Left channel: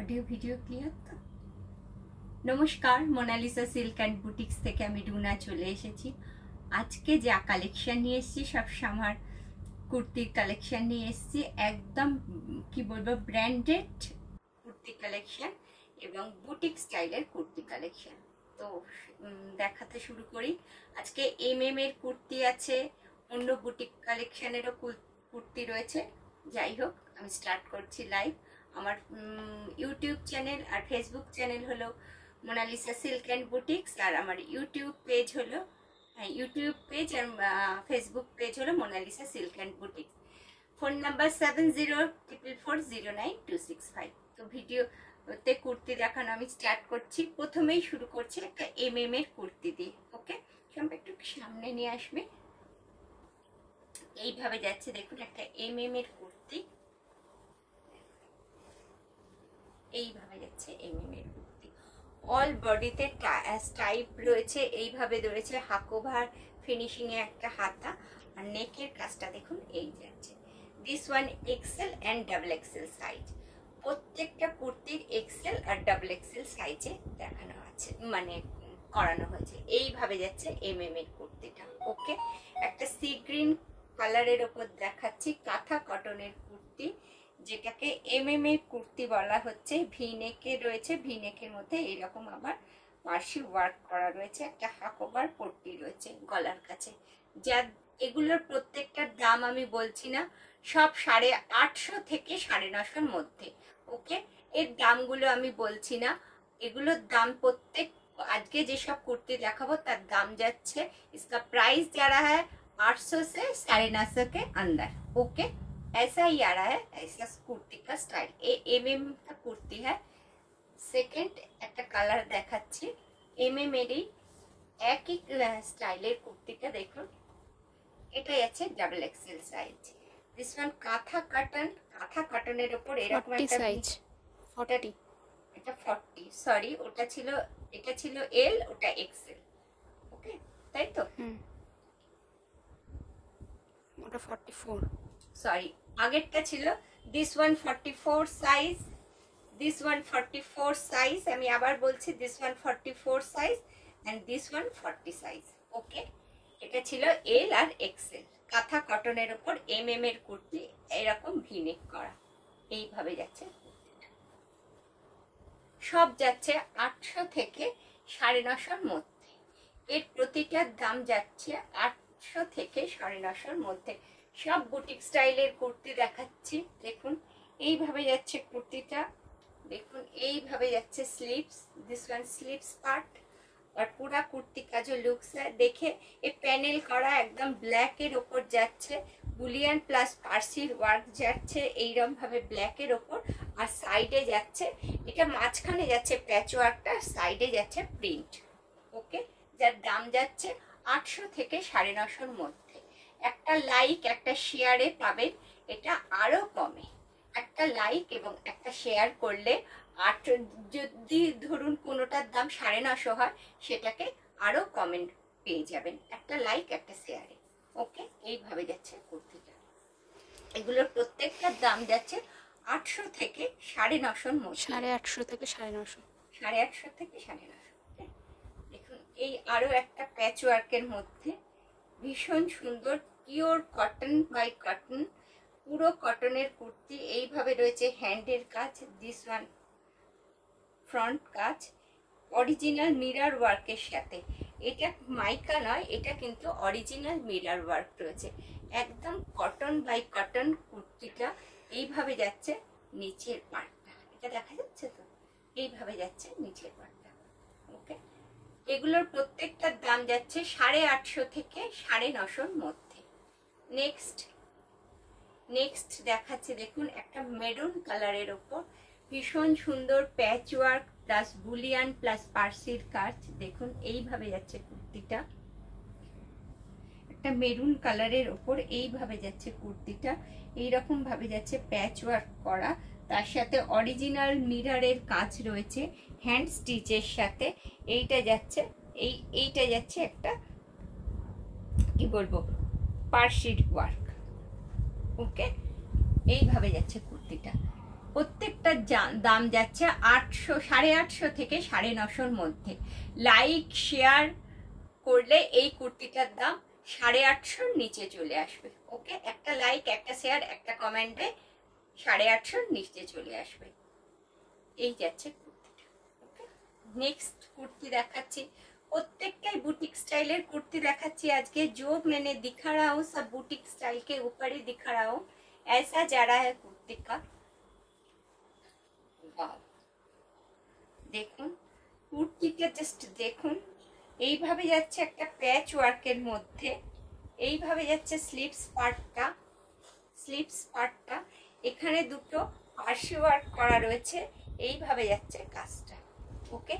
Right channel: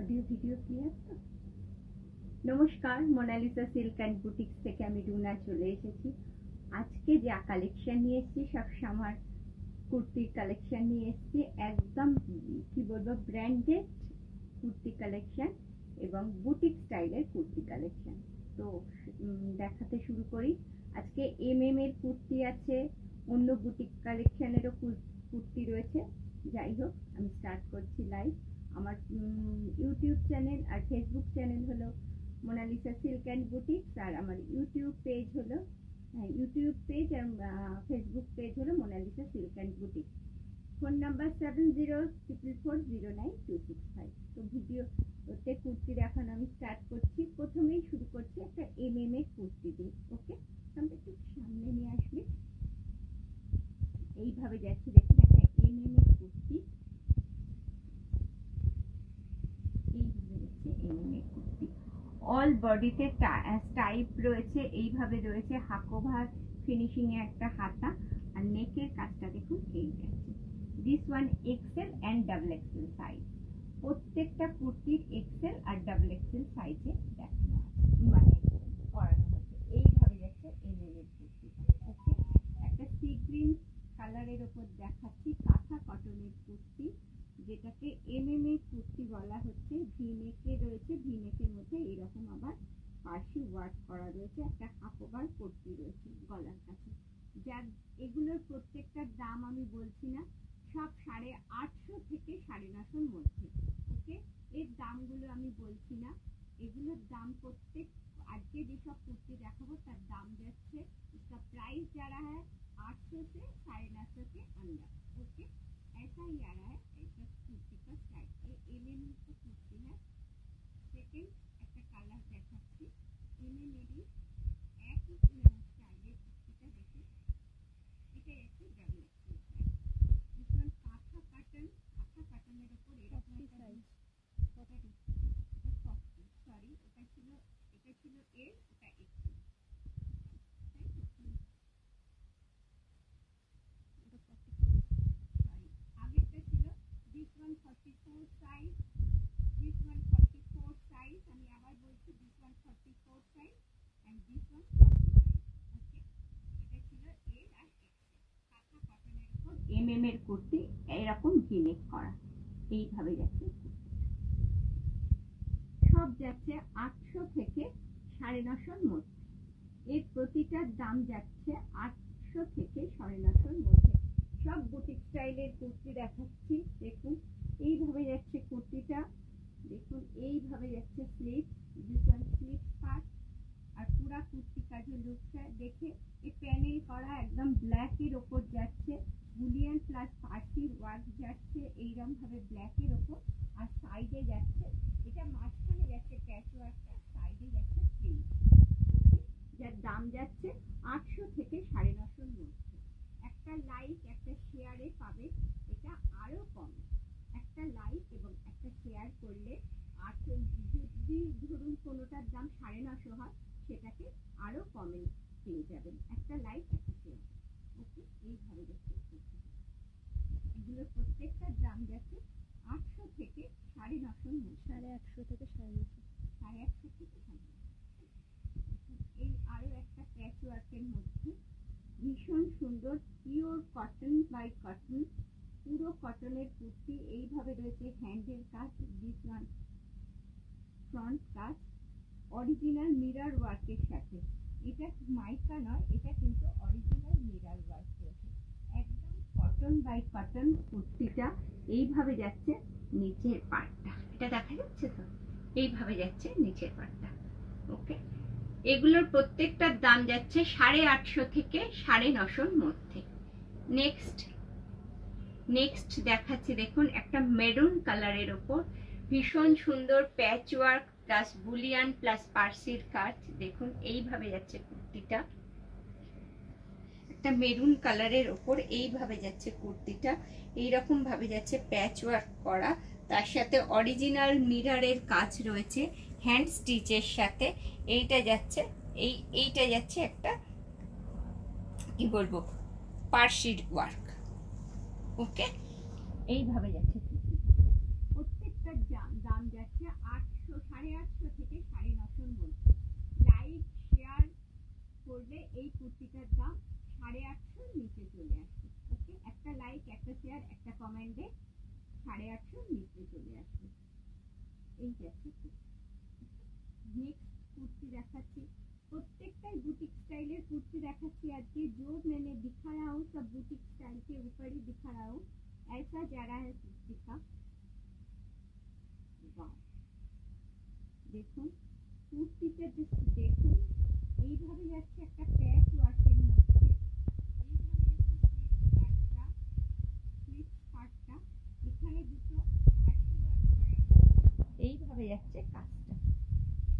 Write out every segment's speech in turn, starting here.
Audio video clear তো? নমস্কার, Mona Lisa silk and boutiques থেকে আমি রুনা চলে এসেছি। আজকে যা কালেকশন নিয়ে এসেছি সব সামার কুর্তির কালেকশন নিয়ে এসেছি। একদম কি বলবো, ব্র্যান্ডেড কুর্তি কালেকশন এবং বুটিক স্টাইলের কুর্তি কালেকশন। তো দেখাতে শুরু করি। আজকে এর কুর্তি আছে, অন্য বুটিক কালেকশনেরও কুর্তি রয়েছে। যাই হোক, আমি স্টার্ট করছি লাইভ। আমার ইউটিউব চ্যানেল আর ফেসবুক চ্যানেল হলো মোনালিসা সিল্ক অ্যান্ড বুটিক্স, আর আমার ইউটিউব পেজ হলো ইউটিউব পেজ আর ফেসবুক পেজ হলো Monalisa silk and boutiques. Phone number 7044409265। তো ভিডিওতে কুর্তি দেখানো আমি স্টার্ট করছি। প্রথমেই শুরু করছি একটা এর কুর্তি দিয়ে। ওকে, সব একটু সামনে নিয়ে আসবে। এইভাবে যাচ্ছে, দেখুন একটা এর কুর্তি। এইভাবে যাচ্ছে এর কুর্তি। অল বডিতে স্টাইপ রয়েছে, এইভাবে রয়েছে হাকোভার ফিনিশিংয়ে একটা হাতা, আর নেকের কাজটা দেখুন এই যাচ্ছে। This one XL and double XL size. প্রত্যেকটা কুর্তির এক্সেল আর ডাবল এক্সেল সাইজে দেখানো আছে, মানে করানো হয়েছে। এইভাবে যাচ্ছে এর কুর্তিটা। ওকে, একটা সি গ্রিন কালারের ওপর দেখাচ্ছি কাঁথা কটনের কুর্তি, যেটাকে এর কুর্তি বলা হচ্ছে। ভিনেকে রয়েছে, ভিনেকের মধ্যে এরকম আবার পার্সি ওয়ার্ক করা রয়েছে, একটা হাকোভার পট্টি রয়েছে গলার কাছে। যা এগুলোর প্রত্যেকটার দাম আমি বলছি না, সব 850 থেকে 950 মধ্যে। ওকে, এর দামগুলো আমি বলছি না, এগুলোর দাম প্রত্যেক আজকে যেসব কুর্তি দেখাবো তার দাম যাচ্ছে, इसका प्राइस जा रहा है 800 से 950 के अंदर। ओके, ऐसा ही आ रहा है, ऐसा कुर्ती का स्टाइल। ये एम का कुर्ती है। सेकेंड একটা কালার দেখাচ্ছি এরই একই স্টাইলের কুর্তিটা দেখুন। এটাই আছে double XL size. This one কাঁথা কটনের উপর এরকম একটা সাইজ 40, এটা 40, সরি ওটা ছিল, এটা ছিল এল, ওটা এক্সেল। ওকে, তাই তো? ওটা 44, সরি আগেরটা ছিল this one 44 size, this one 44 size. আমি আবার বলছি, this one 44 size and this one 40 size. Okay, এটা ছিল এল আর এক্সেল। কাঁথা কটনের উপর এর কুর্তি, এরকম ভিনেক করা। এইভাবে যাচ্ছে, সব যাচ্ছে 800 থেকে 950 মধ্যে। এর প্রতিটার দাম যাচ্ছে 800 থেকে 950 মধ্যে। সব বুটিক স্টাইলের কুর্তি দেখাচ্ছি। দেখুন এইভাবে যাচ্ছে কুর্তিটা, দেখুন এইভাবে যাচ্ছে sleeves, this one sleeves part. और पूरा कुर्ती का जो लुक्स है देखे, ये पैनल करा एकदम ब्लैक এর উপর যাচ্ছে, বুলিয়ান প্লাস ফার্সির ওয়ার্ক যাচ্ছে এইরকম ভাবে ব্ল্যাক এর উপর, আর সাইডে যাচ্ছে, এটা মাঝখানে যাচ্ছে প্যাচ ওয়ার্কটা, সাইডে যাচ্ছে প্রিন্ট। ওকে, যার দাম যাচ্ছে 800 থেকে 950 মধ্যে। একটা লাইক একটা শেয়ারে পাবেন, এটা আরো কমে। একটা লাইক এবং একটা শেয়ার করলে যদি ধরুন কোনোটার দাম 950 হয়, সেটাকে আরো কমেন্ট পেয়ে যাবেন একটা লাইক একটা শেয়ারে। ওকে, এইভাবে যাচ্ছে কুর্তিটা। এগুলোর প্রত্যেকটার দাম যাচ্ছে 800 থেকে 950 মধ্যে। 850 থেকে 950, 850 থেকে 950। দেখুন এই আরো একটা প্যাচ ওয়ার্কের মধ্যে ভীষণ সুন্দর পিওর কটন বাই কটন, পুরো কটনের কুর্তি। এইভাবে রয়েছে হ্যান্ডের কাজ, দিস ওয়ান ফ্রন্ট কাজ অরিজিনাল মিরর ওয়ার্কের সাথে। এটা মাইকা নয়, এটা কিন্তু অরিজিনাল মিরর ওয়ার্ক রয়েছে। একদম কটন বাই কটন কুর্তিটা। এইভাবে যাচ্ছে নিচের পার্টটা, এটা দেখা যাচ্ছে তো, এইভাবে যাচ্ছে নিচের পার্টটা। ওকে, এগুলোর প্রত্যেকটার দাম যাচ্ছে 850 থেকে 950 মধ্যে। নেক্সট দেখাচ্ছি, দেখুন একটা মেরুন কালারের ওপর ভীষণ সুন্দর patch work plus bullion plus পার্সির কাজ। দেখুন এইভাবে যাচ্ছে কুর্তিটা, একটা মেরুন কালারের ওপর এইভাবে যাচ্ছে কুর্তিটা। এইরকম ভাবে যাচ্ছে প্যাচ ওয়ার্ক করা, তার সাথে অরিজিনাল মিররের কাজ রয়েছে হ্যান্ড স্টিচের সাথে। এইটা যাচ্ছে এইটা যাচ্ছে একটা কি বলবো পার্সির ওয়ার্ক। ওকে, এইভাবে যাচ্ছে কুর্তিটা। প্রত্যেকটা দাম যাচ্ছে 800, 850 থেকে 950-র মধ্যে। লাইক শেয়ার করলে এই কুর্তিটার দাম 850-র নিচে চলে আসবে। ওকে, একটা লাইক, একটা শেয়ার, একটা কমেন্টে 850-র নিচে চলে আসবে। এই যাচ্ছে কুর্তিটা। ওকে, নেক্সট কুর্তি দেখাচ্ছি। प्रत्येकटाई बुटीक स्टाइलर कुर्ती देखाচ্ছি আজকে। जो मैंने दिखा रहा हूँ सब बुटीक स्टाइल के ऊपर ही दिखा रहा हूँ। ऐसा जा रहा है कुर्ती का। वाव, দেখুন কুর্তিটা জাস্ট দেখুন। এইভাবে যাচ্ছে একটা প্যাচ ওয়ার্কের মধ্যে, এইভাবে যাচ্ছে স্লিভস পার্টটা, এখানে দুটো আশি ওয়ার্ক করা রয়েছে, এইভাবে যাচ্ছে কাজটা। ওকে,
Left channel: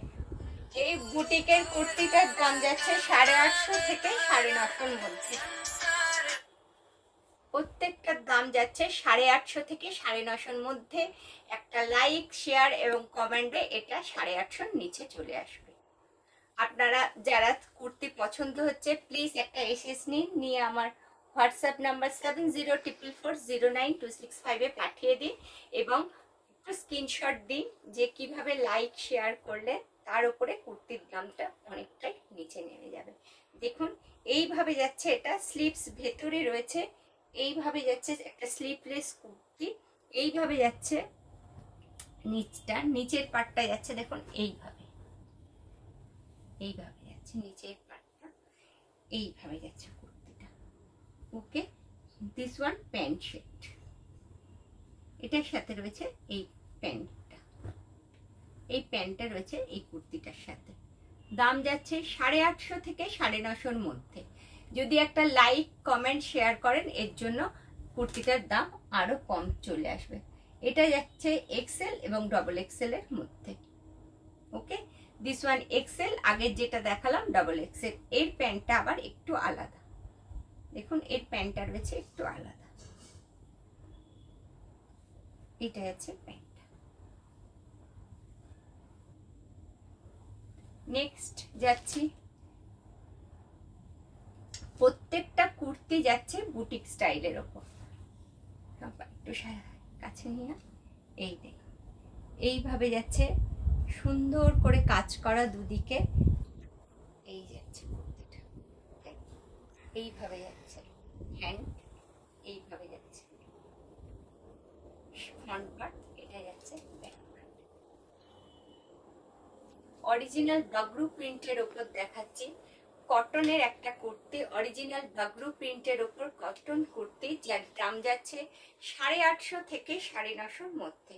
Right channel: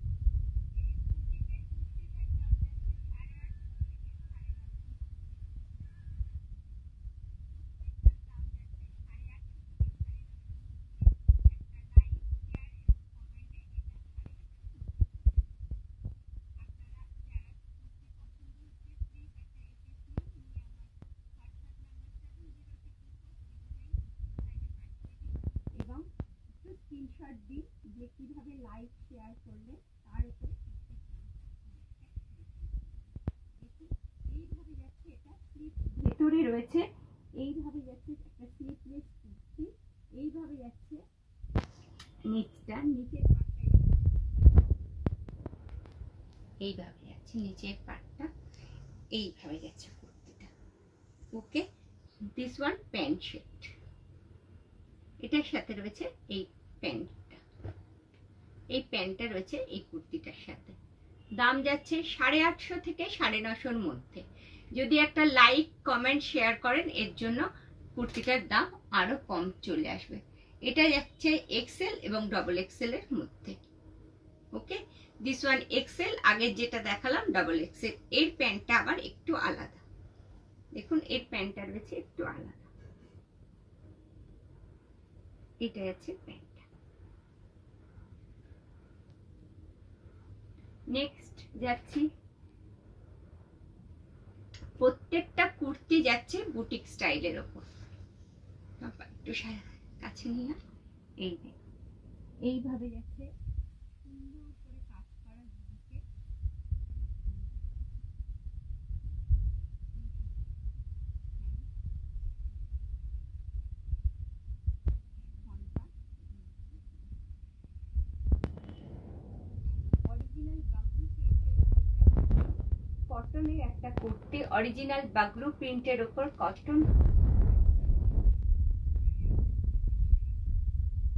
এই বুটিকের কুর্তিটার দাম যাচ্ছে 850 থেকে 950-র মধ্যে। প্রত্যেকটার দাম যাচ্ছে 850 থেকে 950-র মধ্যে। একটা লাইক শেয়ার এবং কমেন্টে এটা 850-র নিচে চলে আসবে। আপনারা যারা কুর্তি পছন্দ হচ্ছে প্লিজ একটা এসএস নিয়ে আমার হোয়াটসঅ্যাপ নাম্বার 7044409265-এ পাঠিয়ে দিন এবং একটু স্ক্রিনশট দিন যে কিভাবে লাইক শেয়ার করলে তার উপরে কুর্তির দামটা অনেকটাই নিচে নেমে যাবে। দেখুন এইভাবে যাচ্ছে, এটা স্লিভস ভেতরে রয়েছে, এইভাবে যাচ্ছে একটা স্লিভলেস কুর্তি, এইভাবে যাচ্ছে নিচটা, নিচের পার্টটা যাচ্ছে দেখুন এইভাবে যাচ্ছে নিচের পার্টটা, এইভাবে যাচ্ছে কুর্তিটা। ওকে, দিস ওয়ান প্যান্ট শেড, এটার সাথে রয়েছে এই প্যান্টটা, এই প্যান্টটা রয়েছে এই কুর্তিটার সাথে। দাম যাচ্ছে 850 থেকে 950-র মধ্যে। যদি একটা লাইক কমেন্ট শেয়ার করেন এর জন্য কুর্তিটার দাম আরো কম চলে আসবে। এটা যাচ্ছে এক্সেল এবং ডবল এক্সেল এর মধ্যে। ওকে, দিস ওয়ান এক্সেল, আগের যেটা দেখালাম ডবল এক্সেল। এর প্যান্টটা আবার একটু আলাদা, দেখুন এর প্যান্টটা রয়েছে একটু আলাদা, এটা যাচ্ছে প্যান্টটা। নেক্সট যাচ্ছি, প্রত্যেকটা কুর্তি যাচ্ছে বুটিক স্টাইলের ওপর। একটু কাছে নিয়ে এই দেখুন এইভাবে যাচ্ছে, সুন্দর করে কাজ করা দুদিকে, এই যাচ্ছে কুর্তিটা। এইভাবে যাচ্ছে হ্যান্ড, এইভাবে যাচ্ছে ফ্রন্ট পার্ট, এটা যাচ্ছে ব্যাক পার্ট। অরিজিনাল বাগরু প্রিন্টের উপর দেখাচ্ছি কটনের একটা কুর্তি, অরিজিনাল বাগরু প্রিন্টের উপর কটন কুর্তি, যার দাম যাচ্ছে 850 থেকে 950-র মধ্যে।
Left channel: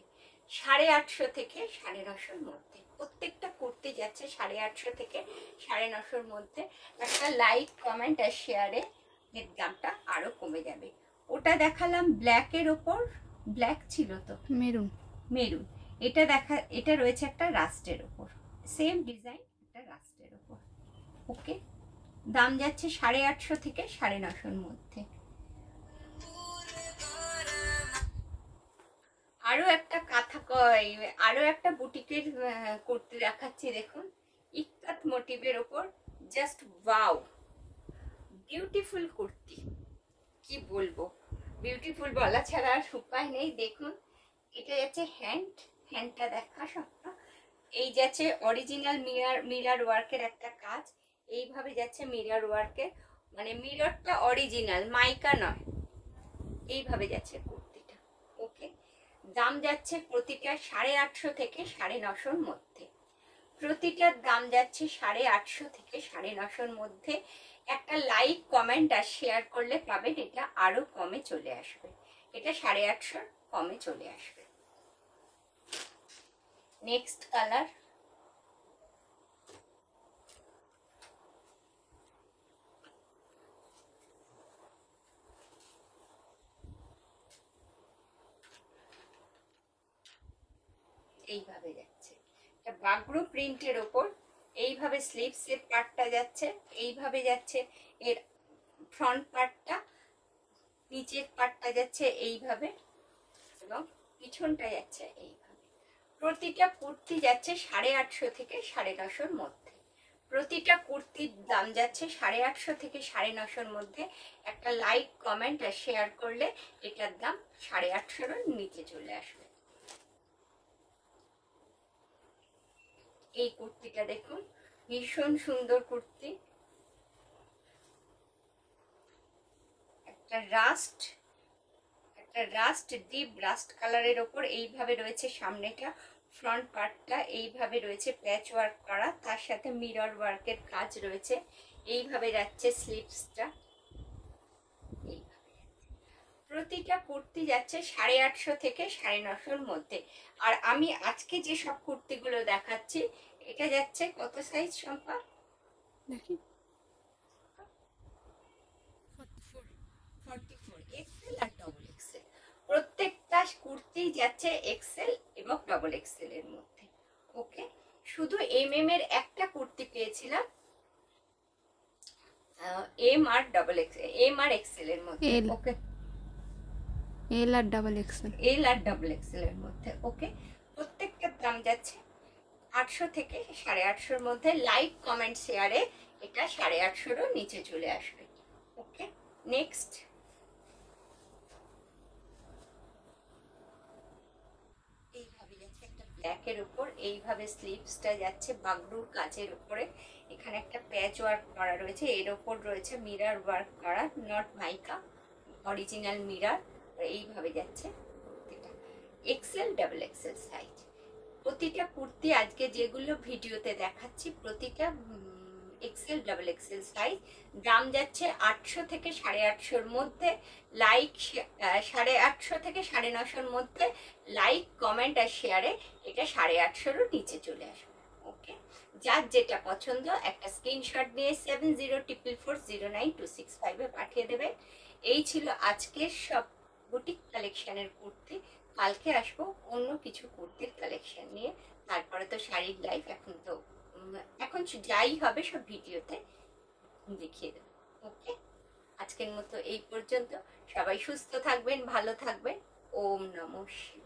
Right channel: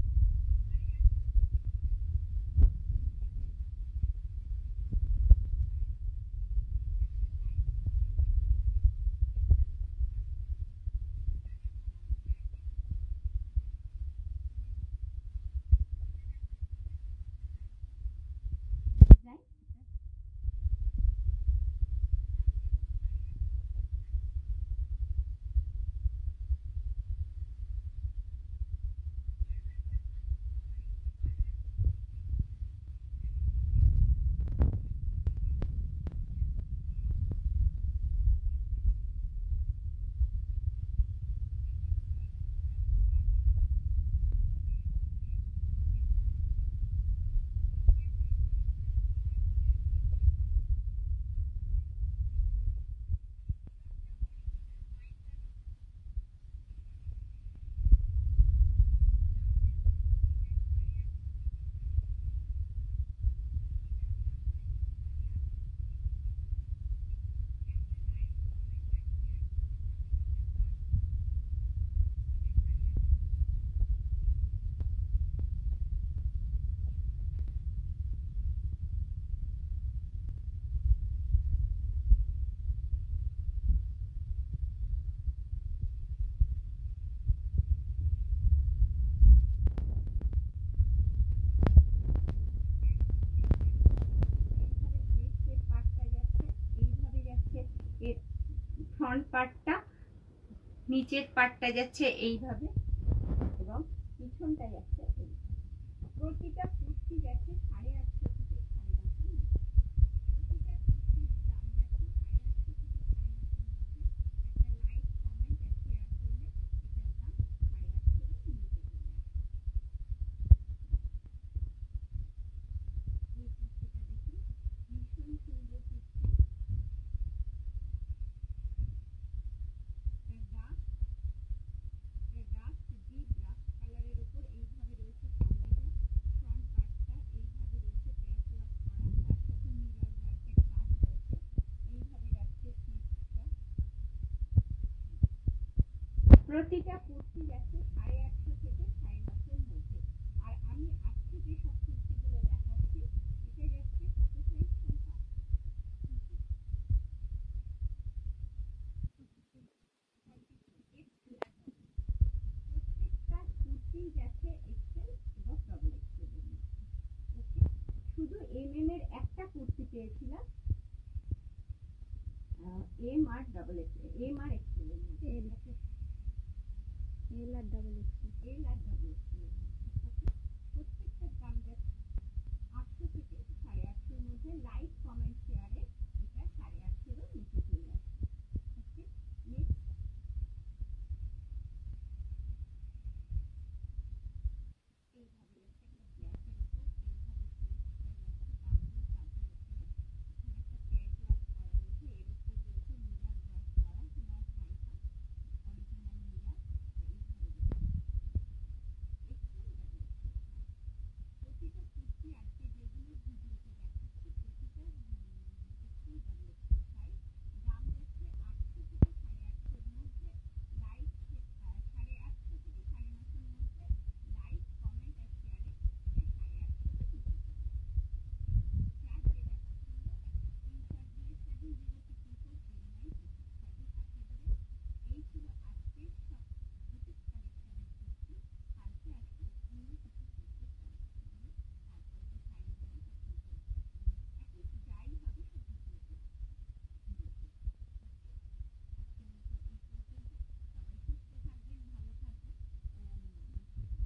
850 থেকে 950-র মধ্যে প্রত্যেকটা কুর্তি যাচ্ছে 850 থেকে 950-র মধ্যে। একটা লাইক কমেন্ট আর শেয়ারে এর দামটা আরো কমে যাবে। ওটা দেখালাম ব্ল্যাকের ওপর, ব্ল্যাক ছিল তো মেরুন, এটা রয়েছে একটা রাস্টের ওপর, সেম ডিজাইন একটা রাস্টের ওপর। ওকে, দাম যাচ্ছে 850 থেকে 950-র মধ্যে। আরো একটা বুটিকের কুর্তি দেখাচ্ছি, দেখুন ইক্কাত মোটিভের ওপর, জাস্ট ওয়াও, বিউটিফুল কুর্তি, কি বলবো, বিউটিফুল বলা ছাড়া আর উপায় নেই। দেখুন এটা যাচ্ছে হ্যান্ডটা দেখা স্বপ্ন, এই যাচ্ছে অরিজিনাল মিরর ওয়ার্কের একটা কাজ, এইভাবে যাচ্ছে মিরর ওয়ার্কের, মানে মিররটা অরিজিনাল, মাইকা নয়, এইভাবে যাচ্ছে কুর্তিটা। ওকে, দাম যাচ্ছে প্রতিটা 850 থেকে 950-র মধ্যে। প্রতিটার দাম যাচ্ছে 850 থেকে 950-র মধ্যে। একটা লাইক কমেন্ট আর শেয়ার করলে পাবেন এটা আরো কমে চলে আসবে, এটা 850 কমে চলে আসবে। নেক্সট কালার, এইভাবে যাচ্ছে বাগরু প্রিন্টের ওপর, এইভাবে স্লিভসের পার্টটা যাচ্ছে, এইভাবে যাচ্ছে এর ফ্রন্ট পার্টটা, নিচের পার্টটা যাচ্ছে এইভাবে এবং পিছনটা যাচ্ছে এইভাবে। প্রতিটা কুর্তি যাচ্ছে 850 থেকে 950-র মধ্যে। প্রতিটা কুর্তির দাম যাচ্ছে 850 থেকে 950-র মধ্যে। একটা লাইক কমেন্ট আর শেয়ার করলে এটার দাম 850-র নিচে চলে আসবে। ভীষণ সুন্দর কুর্তি, একটা রাস্ট ডিপ রাস্ট কালারের ওপর এইভাবে রয়েছে সামনেটা, ফ্রন্ট পার্টটা এইভাবে রয়েছে প্যাচ ওয়ার্ক করা, তার সাথে মিরর ওয়ার্কের কাজ রয়েছে। এইভাবে যাচ্ছে স্লিভসটা, প্রতিটা কুর্তি যাচ্ছে 850 থেকে 950 মধ্যে। আর আমি আজকে যে সব কুর্তিগুলো দেখাচ্ছি, এটা যাচ্ছে কত সাইজ সম্পা দেখি, 44 এক্সেল আর ডবল এক্সেল। প্রত্যেকটা কুর্তি যাচ্ছে এক্সেল এবং ডবল এক্সেল এর মধ্যে। ওকে, শুধু এমএম এর একটা কুর্তি পেয়েছিলাম M R double XL, M R Excel এর মধ্যে। ওকে, এল আর ডাবল এক্সেল, এল আর ডাবল এক্সেল এর মধ্যে। ওকে, প্রত্যেকটার দাম যাচ্ছে 800 থেকে 850 মধ্যে। লাইক কমেন্ট শেয়ারে এটা 850 নিচে চলে আসবে। ওকে, নেক্সট এইভাবে যাচ্ছে একটা ব্ল্যাকের উপর, এইভাবে স্লিভসটা যাচ্ছে বাগডোর কাজের উপরে, এখানে একটা প্যাচ ওয়ার্ক করা রয়েছে, এর ওপর রয়েছে মিরর ওয়ার্ক করা, নট মাইকা, অরিজিনাল মিরর। এইভাবে যাচ্ছে কুর্তিটা, এক্সেল ডাবল এক্সেল সাইজ। প্রতিটা কুর্তি আজকে যেগুলো ভিডিওতে দেখাচ্ছি প্রতিটা এক্সেল ডাবল এক্সেল সাইজ। দাম যাচ্ছে 800 থেকে 850 মধ্যে। লাইক 850 থেকে 950 মধ্যে। লাইক কমেন্ট আর শেয়ারে এটা 850 নিচে চলে আসবে। ওকে, যার যেটা পছন্দ একটা স্ক্রিনশট নিয়ে 7044409265 পাঠিয়ে দেবে। এই ছিল আজকের সব বুটিক কালেকশনের কুর্তি। কালকে আসবো অন্য কিছু কুর্তির কালেকশন নিয়ে, তারপরে তো শাড়ির লাইফ, এখন যাই হবে সব ভিডিওতে দেখিয়ে দেবো। ওকে, আজকের মতো এই পর্যন্ত। সবাই সুস্থ থাকবেন, ভালো থাকবেন। ওম নমঃ শিবায়।